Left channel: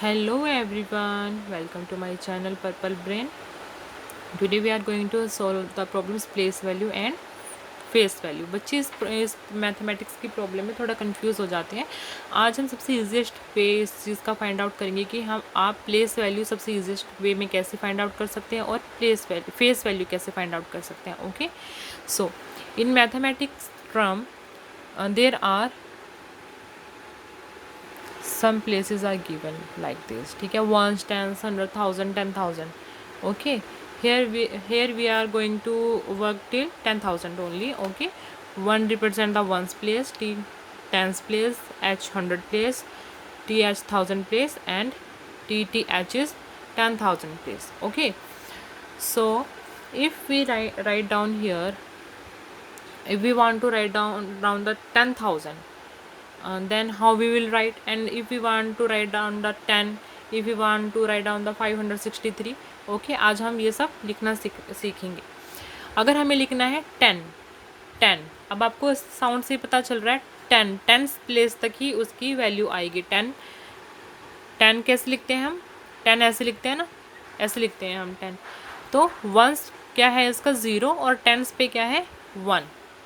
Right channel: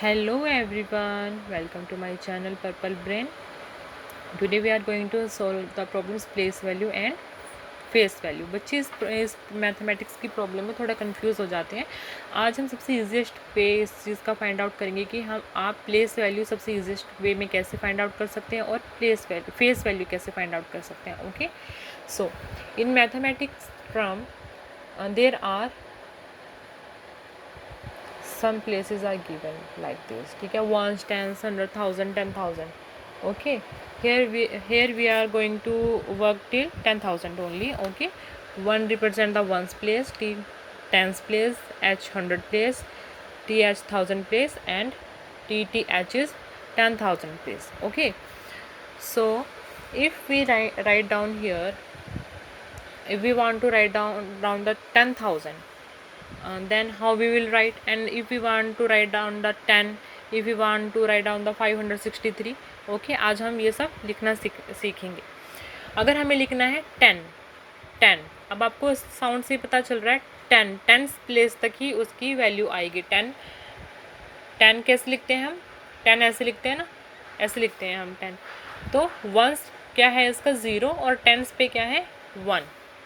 Hello everyone, welcome to my channel Purple Brain. Today we are going to solve the problems place value and face value. बच्चे इस mathematics की problem में थोड़ा confuse हो जाते हैं. आज हम सबसे ईजिएस्ट वे इस चीज़ का फाइंड आउट करेंगे कि हम आप प्लेस वैल्यू सबसे ईजिएस्ट वे में कैसे फाइंड आउट कर सकते हैं और फेस वैल्यू कैसे फाइंड आउट कर सकते हैं. Okay, so in mathematics term there are some places are given like this. ठीक है, ones, tens, 100, 1000, 10,000. Okay, here we are going to work till 10,000 only. Okay, 1 represent the ones place, t tens place, h 100 place, th 1000 place, and tth is 10,000 place. Okay, so if we write down here, if we want to write down the 10,000, then how we will write. And if we want to write down the 10, if we want to write down the 563. Okay, आज हम ये सब लिखना सीखेंगे. अगर हमें लिखना है 10, अब आपको इस साउंड से पता चल रहा है 10 प्लेस तक ही उसकी वैल्यू आएगी. 10 कैसे लिखते हैं हम? 10 ऐसे लिखते हैं ना, ऐसे लिखते हैं हम 10. तो वंस क्या है इसका 0 और टेंस पे क्या है 1.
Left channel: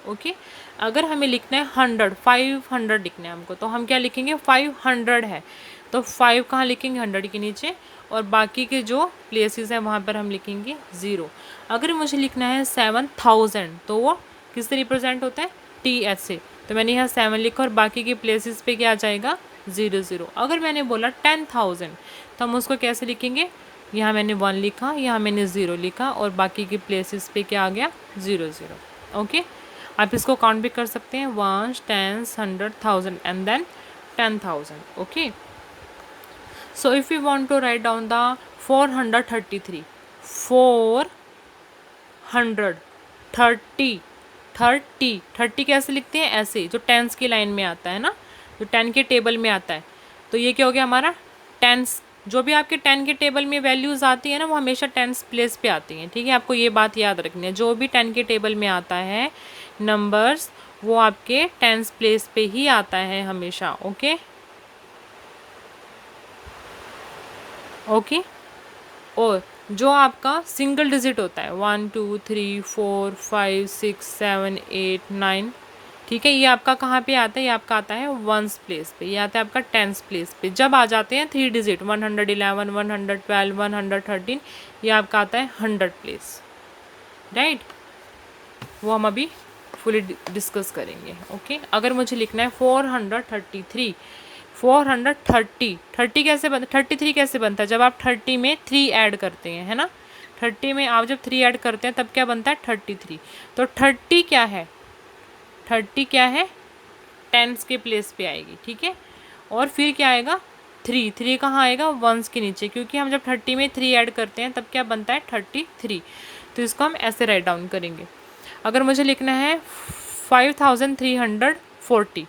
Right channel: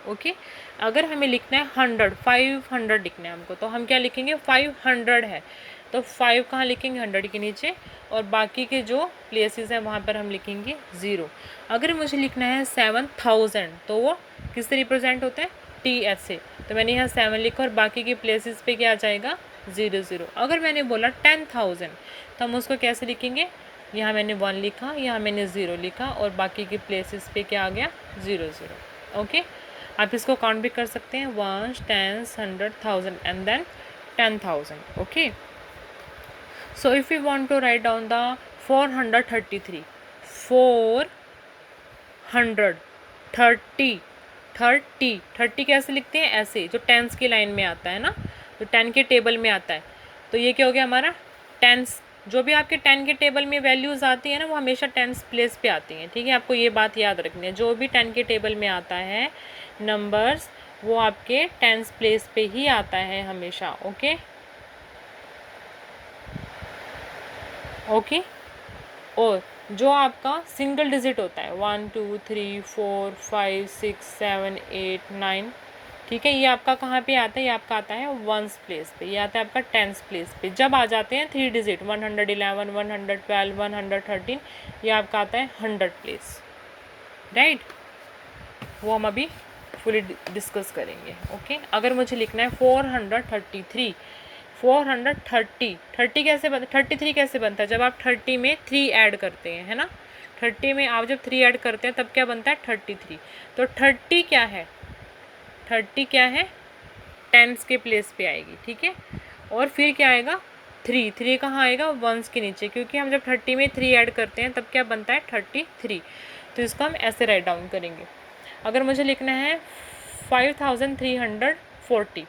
ओके, अगर हमें लिखना है 500 लिखना है हमको, तो हम क्या लिखेंगे? 500 है तो 5 कहाँ लिखेंगे? 100 के नीचे, और बाकी के जो प्लेसेस हैं वहाँ पर हम लिखेंगे 0. अगर मुझे लिखना है 7000 तो वो किससे रिप्रेजेंट होता है? टी एच से. तो मैंने यहाँ 7 लिखा और बाकी के प्लेसेस पे क्या आ जाएगा? 0. अगर मैंने बोला 10,000 तो हम उसको कैसे लिखेंगे? यहाँ मैंने 1 लिखा, यहाँ मैंने 0 लिखा, और बाकी के प्लेसेस पे क्या आ गया? 0. ओके, आप इसको काउंट भी कर सकते हैं, 1, 10, 100, 1000 and then 10,000. Okay, so if you want to write down the 433, 430 कैसे लिखते हैं? ऐसे, जो टेंस की लाइन में आता है ना, जो 10 के टेबल में आता है. तो ये क्या हो गया हमारा? टेंस. जो भी आपके 10 के टेबल में वैल्यूज़ आती है ना, वो हमेशा टेंस प्लेस पे आती हैं. ठीक है, आपको ये बात याद रखनी है. जो भी 10 के टेबल में आता है नंबर्स, वो आपके टेंस प्लेस पे ही आता है हमेशा. ओके, और जो आपका सिंगल डिजिट होता है 1 2 3 4 5 6 7 8 9, ठीक है, ये आपका कहाँ पे आता है? ये आपका आता है वंस प्लेस पे, ये आता है आपका टेंस प्लेस पे. जब आ जाते हैं 3 डिजिट 111, 112, 113, ये आपका आता है 100 प्लेस. राइट, वो हम अभी फुली डिस्कस करेंगे. ओके, अगर मुझे लिखना है 433, 430 कैसे बनता? 33 कैसे बनता है? जब आप 30 में 3 ऐड करते हैं, है ना. 30 में आप जब 3 ऐड करते हैं तब क्या बनता है? 33. तो 30 क्या है? 30 क्या है? टेंस के प्लेस पे आएगी. ठीक है, और फिर क्या आएगा? 3 कहाँ आएगा? वंस के नीचे, क्योंकि हम जब 30 में 3 ऐड करते हैं तब क्या बनता है? 33. तो इसको हम ऐसे राइट डाउन करेंगे. अगर मुझे लिखना है 5340,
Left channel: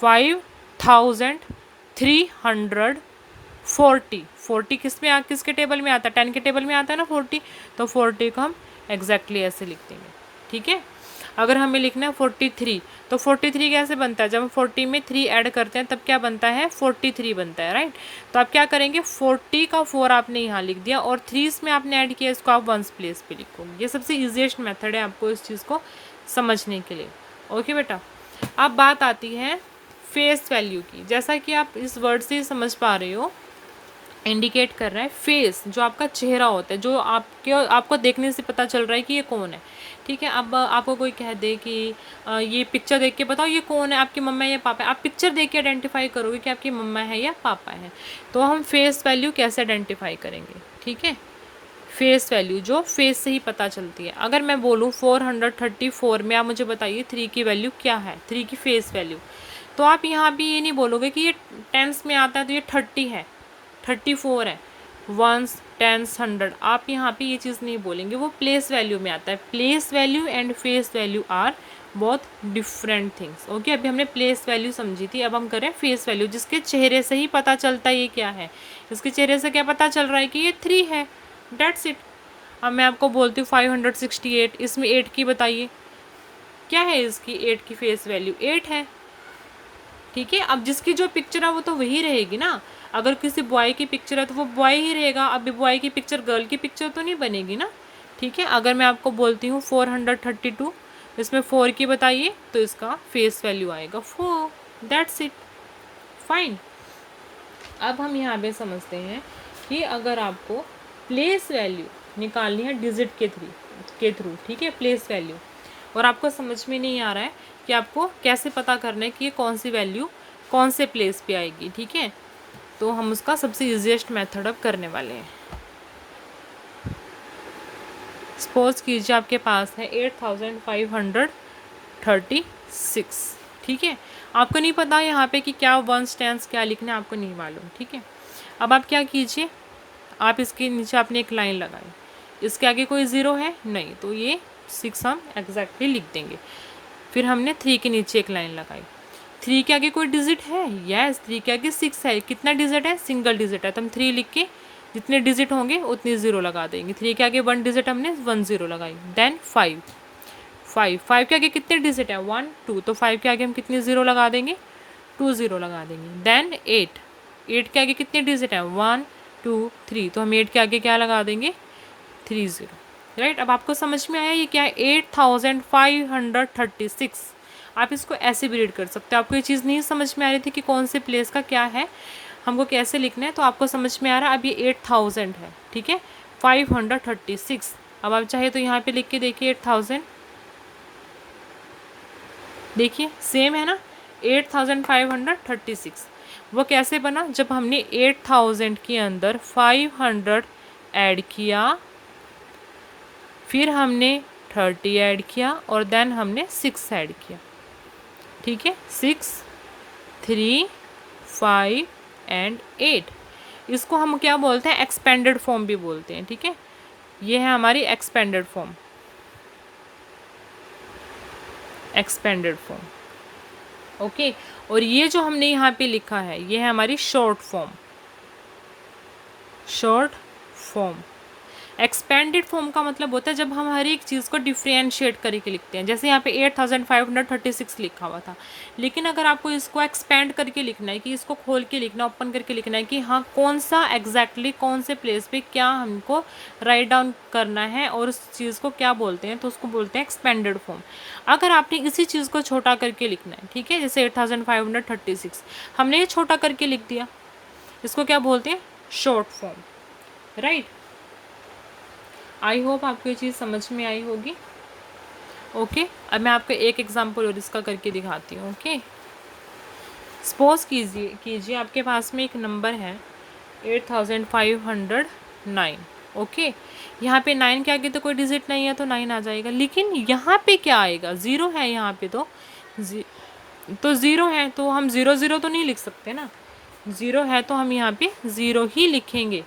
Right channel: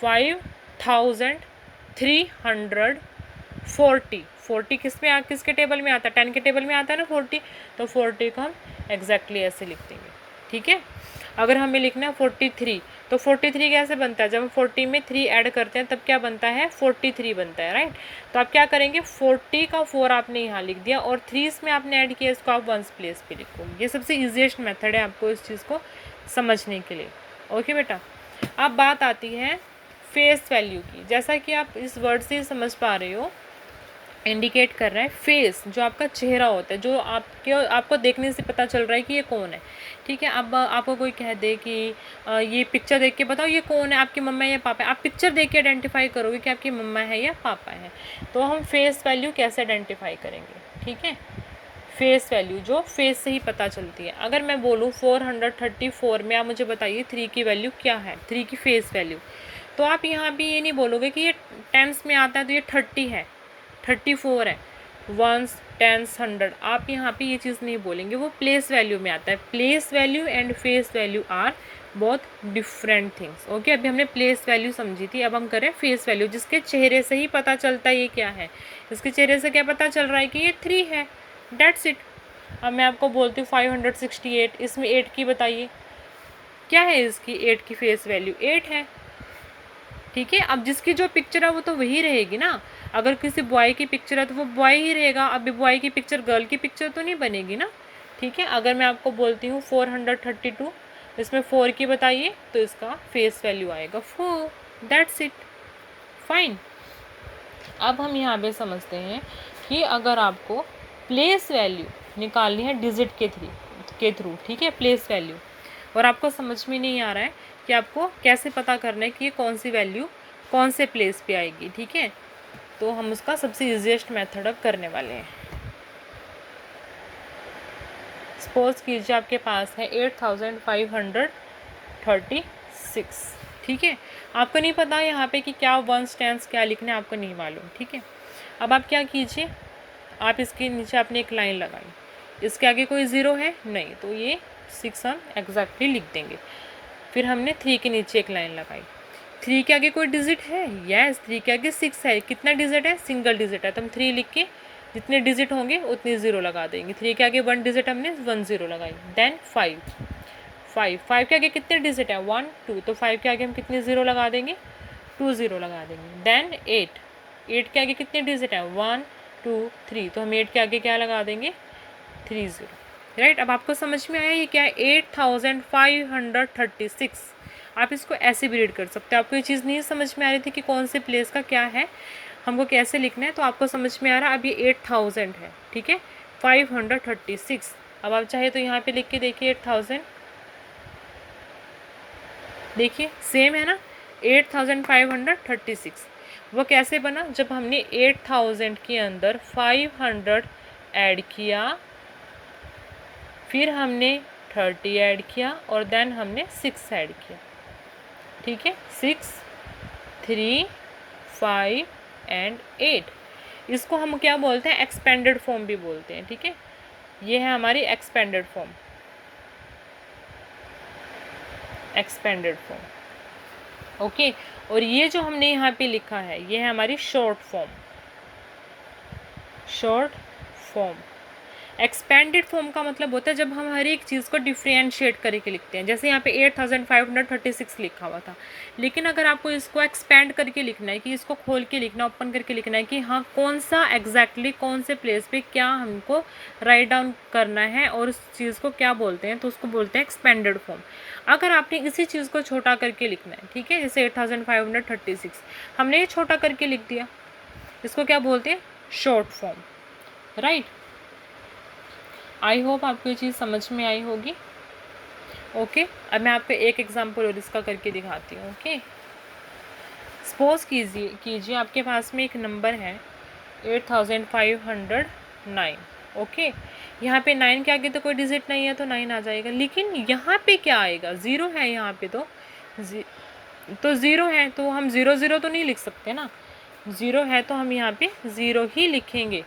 5340 किसके टेबल में आता है? 10 के टेबल में आता है ना 40. तो 40 को हम एग्जैक्टली ऐसे लिख देंगे. ठीक है, अगर हमें लिखना है 43, तो 43 कैसे बनता है? जब हम 40 में 3 ऐड करते हैं तब क्या बनता है? 43 बनता है. राइट, तो आप क्या करेंगे? 40 का 4 आपने यहाँ लिख दिया, और 3 में आपने ऐड किया, इसको आप वंस प्लेस पे लिखोगे. ये सबसे ईजिएस्ट मेथड है आपको इस चीज़ को समझने के लिए. ओके बेटा, अब बात आती है फेस वैल्यू की. जैसा कि आप इस वर्ड से समझ पा रहे हो, इंडिकेट कर रहा है फेस, जो आपका चेहरा होता है, जो आपको देखने से पता चल रहा है कि ये कौन है. ठीक है, अब आपको कोई कह दे कि ये पिक्चर देख के बताओ ये कौन है, आपकी मम्मा है या पापा है. आप पिक्चर देख के आइडेंटिफाई करोगे कि आपकी मम्मा है या पापा है. तो हम फेस वैल्यू कैसे आइडेंटिफाई करेंगे? ठीक है, फेस वैल्यू जो फेस से ही पता चलती है. अगर मैं बोलूँ 434 में आप मुझे बताइए 3 की वैल्यू क्या है, 3 की फेस वैल्यू. तो आप यहाँ भी ये नहीं बोलोगे कि ये टेंस में आता है तो ये 30 है, 34 है, वंस, टेंस, 100. आप यहाँ पे ये चीज़ नहीं बोलेंगे, वो प्लेस वैल्यू में आता है. Place value and face value are बहुत डिफरेंट थिंग्स. ओके, अभी हमने प्लेस वैल्यू समझी थी, अब हम करें फेस वैल्यू, जिसके चेहरे से ही पता चलता है ये क्या है. इसके चेहरे से क्या पता चल रहा है कि ये 3 है. That's it. अब मैं आपको बोलती हूँ 568, इसमें 8 की बताइए क्या है? इसकी 8 की फेस वैल्यू 8 है. ठीक है, अब जिसकी जो पिक्चर है वो तो वही रहेगी ना. अगर किसी बॉय की पिक्चर है तो वो बॉय ही रहेगा, अभी बॉय की पिक्चर गर्ल की पिक्चर तो नहीं बनेगी ना, ठीक है। अगर मैं आपको बोलती हूँ 432, इसमें 4 की बताइए, तो इसका फेस वैल्यू आएगा 4, दैट्स इट, फाइन। अब हम यहाँ पे समझते हैं कि अगर आपको प्लेस वैल्यू निकालनी है डिजिट के थ्रू, ठीक है, प्लेस वैल्यू, और आपको समझ में नहीं आ रहा है कि आपको कैसे पता करना है कि ये कौन सी वैल्यू कौन से प्लेस पे आएगी, ठीक है, तो हम उसका सबसे ईजीएस्ट मेथड अब करने वाले हैं। सपोज कीजिए आपके पास है 8536, ठीक है। आपको नहीं पता यहाँ पे कि क्या वंस टेंस क्या लिखना है, आपको नहीं मालूम, ठीक है। अब आप क्या कीजिए, आप इसके नीचे आपने एक लाइन लगाई, इसके आगे कोई ज़ीरो है नहीं, तो ये 6 हम एग्जैक्टली लिख देंगे। फिर हमने 3 के नीचे एक लाइन लगाई, 3 के आगे कोई डिजिट है, यस 3 के आगे 6 है, कितना डिजिट है, सिंगल डिजिट है, तो हम 3 लिख के जितने डिजिट होंगे उतनी ज़ीरो लगा देंगे। 3 के आगे 1 डिजिट हमने 1 ज़ीरो लगाई, देन 5 के आगे कितने डिजिट है, 1 2, तो 5 के आगे हम कितनी ज़ीरो लगा देंगे, 2 ज़ीरो लगा देंगे। देन 8 के आगे कितने डिजिट हैं, 1 2 3, तो हम 8 के आगे क्या लगा देंगे, 3 ज़ीरो, राइट। अब आपको समझ में आया ये क्या है, 8536। आप इसको ऐसे भी रीड कर सकते हो। आपको ये चीज़ नहीं समझ में आ रही थी कि कौन से प्लेस का क्या है, हमको कैसे लिखना है, तो आपको समझ में आ रहा है। अब ये 8000 है, ठीक है, 536। अब आप चाहे तो यहाँ पे लिख के देखिए 8000, देखिए सेम है ना, 8536। वो कैसे बना, जब हमने 8000 के अंदर 500 ऐड किया, फिर हमने 30 ऐड किया, और देन हमने 6 ऐड किया, ठीक है, 6 3 5 एंड 8। इसको हम क्या बोलते हैं, एक्सपेंडेड फॉर्म भी बोलते हैं, ठीक है। ये है हमारी एक्सपेंडेड फॉर्म, ओके। और ये जो हमने यहाँ पे लिखा है ये है हमारी शॉर्ट फॉर्म। एक्सपेंडेड फॉर्म का मतलब होता है जब हम हर एक चीज़ को डिफ्रेंशिएट करके लिखते हैं। जैसे यहाँ पे 8536 लिखा हुआ था, लेकिन अगर आपको इसको एक्सपेंड करके लिखना है, कि इसको खोल के लिखना, ओपन करके लिखना है कि हाँ कौन सा एग्जैक्टली कौन से प्लेस पे क्या हमको राइट डाउन करना है और उस चीज़ को क्या बोलते हैं, तो उसको बोलते हैं एक्सपेंडेड फॉर्म। अगर आपने इसी चीज़ को छोटा करके लिखना है, ठीक है, जैसे 8536 हमने ये छोटा करके लिख दिया, इसको क्या बोलते हैं, short form, right. I hope आपको ये चीज़ समझ में आई होगी, ओके। अब मैं आपको एक एग्जांपल और इसका करके दिखाती हूँ, ओके। सपोज कीजिए आपके पास में एक नंबर है 8509, ओके। यहाँ पे 9 के आगे तो कोई डिजिट नहीं है तो 9 आ जाएगा, लेकिन यहाँ पे क्या आएगा, ज़ीरो है यहाँ पे, तो ज़ीरो है, तो हम 0 0 तो नहीं लिख सकते ना, ज़ीरो है तो हम यहाँ पे 0 ही लिखेंगे।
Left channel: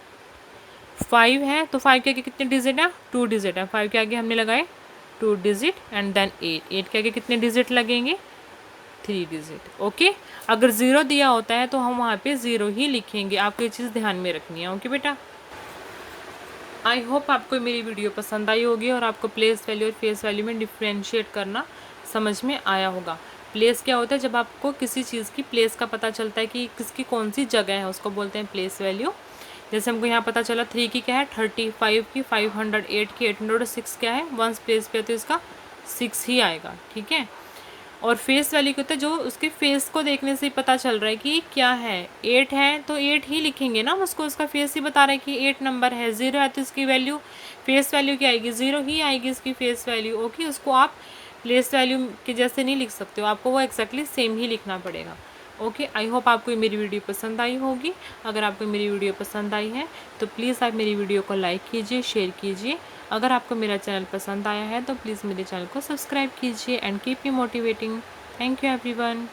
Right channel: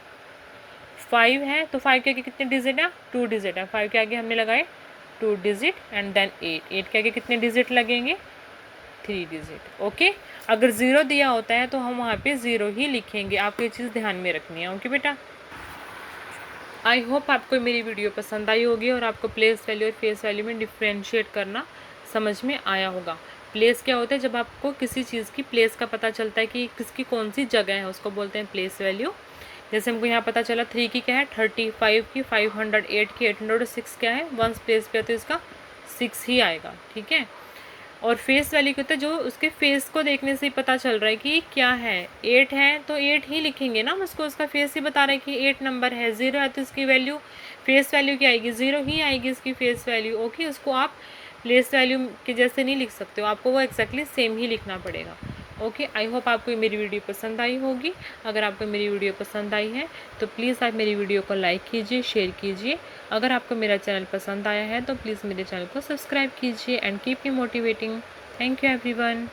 5 है तो 5 के आगे कितने डिजिट है, 2 डिजिट है, 5 के आगे हमने लगाए 2 डिजिट, एंड देन 8 के आगे कितने डिजिट लगेंगे, 3 डिजिट, ओके। अगर 0 दिया होता है तो हम वहाँ पे 0 ही लिखेंगे, आपको ये चीज़ ध्यान में रखनी है, ओके बेटा। आई होप आपको मेरी वीडियो पसंद आई होगी और आपको प्लेस वैल्यू और फेस वैल्यू में डिफ्रेंशिएट करना समझ में आया होगा। प्लेस क्या होता है, जब आपको किसी चीज़ की प्लेस का पता चलता है कि किसकी कौन सी जगह है, उसको बोलते हैं प्लेस वैल्यू। जैसे हमको यहाँ पता चला 3 की क्या है, 35 की, 508 की, 806 क्या है, वंस प्लेस पे तो इसका 6 ही आएगा, ठीक है। और फेस वैल्यू क्या होता है, जो उसके फेस को देखने से ही पता चल रहा है कि क्या है, 8 है तो 8 ही लिखेंगे ना, उसको उसका फेस ही बता रहा है कि 8 नंबर है। 0 है तो इसकी वैल्यू, फेस वैल्यू क्या आएगी, 0 ही आएगी इसकी फेस वैल्यू, ओके। उसको आप प्लेस वैल्यू के जैसे नहीं लिख सकते हो, आपको वो एक्जैक्टली सेम ही लिखना पड़ेगा, ओके। आई होप आपको मेरी वीडियो पसंद आई होगी। अगर आपको मेरी वीडियो पसंद आई है तो प्लीज़ आप मेरी वीडियो को लाइक कीजिए, शेयर कीजिए। अगर आपको मेरा चैनल पसंद आया है तो प्लीज़ मेरे चैनल को सब्सक्राइब कीजिए, and keep me motivating. Thank you everyone.